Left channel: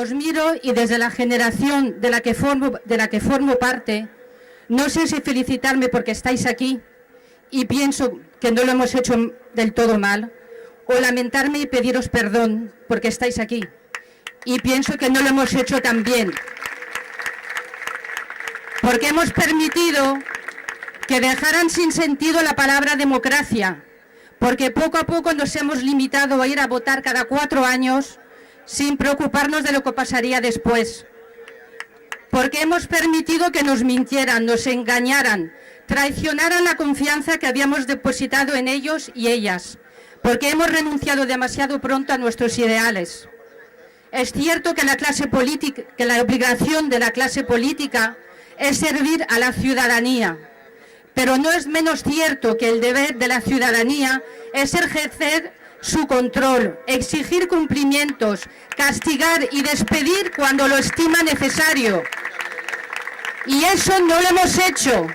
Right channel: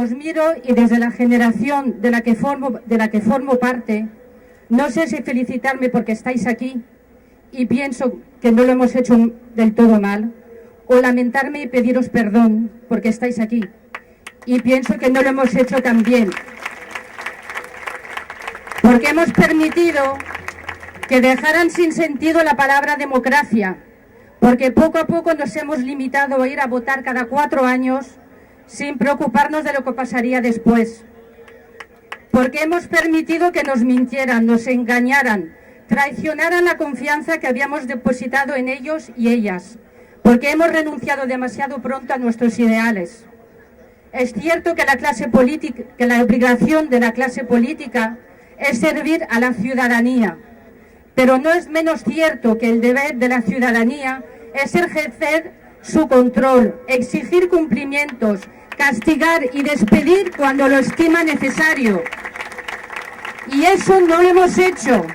os miro y desde la generación de la que formo parte, no sé si felicitarme porque estáis aquí y pienso que no lo hemos hecho del todo mal, o lamentarme y pediros perdón porque estáis aquí y pienso que no lo hemos hecho tan bien, porque hemos permitido que dejaran sin sentido la palabra democracia, porque poco a poco nos hemos limitado a ir a votar cada 4 años sin preocuparnos de lo que pasaría después, porque hemos permitido que nos mintieran, nos engañaran, traicionaran la confianza que habíamos depositado en ellos y ellas, porque hemos renunciado demasiado pronto a nuestros ideales. Es cierto que la obligación de la clase política es servir a la ciudadanía, pero no es menos cierto que el deber de la ciudadanía es ejercer su control, exigir cumplimientos, castigar y despedir cuando lo estima necesario. Y eso no lo hemos hecho,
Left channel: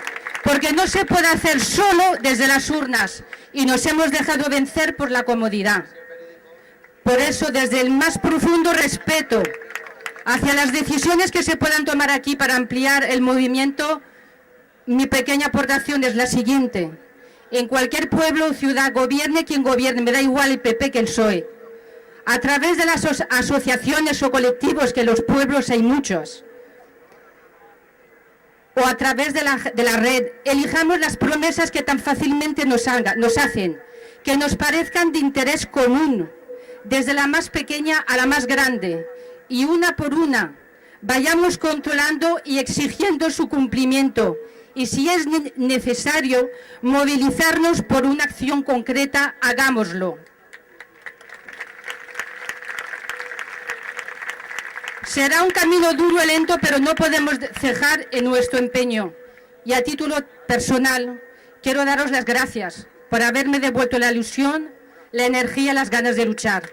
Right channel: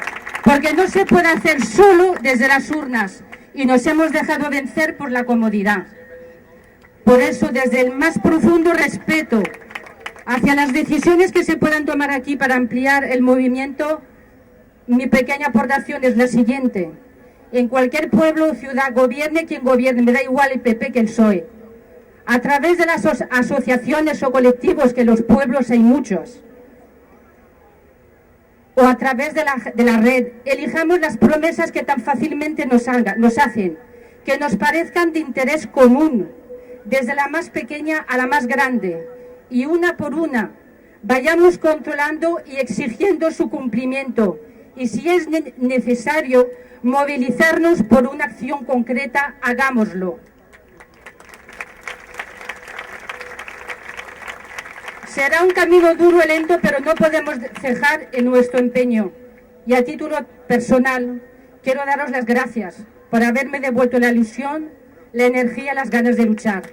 porque no se puede hacer solo desde las urnas y nos hemos dejado vencer por la comodidad. Por eso, desde el más profundo respeto hacia las decisiones que se puedan tomar aquí para ampliar el movimiento, mi pequeña aportación es la siguiente. En cualquier pueblo o ciudad, gobierne quien gobierne, me da igual el PP que el PSOE. A través de las asociaciones o colectivos, que en los pueblos hay muchos, o a través de la red, elijamos las promesas que tan fácilmente nos hacen, que nos parezcan de interés común, desde la más pequeña a la más grande, y una por una vayamos controlando y exigiendo su cumplimiento, y si es necesario movilizarnos por una acción concreta, hagámoslo. Será un camino duro y lento, pero no podemos cejar en nuestro empeño. Y a título personal, quiero daros las gracias por haberme devuelto la ilusión, la energía y las ganas de luchar.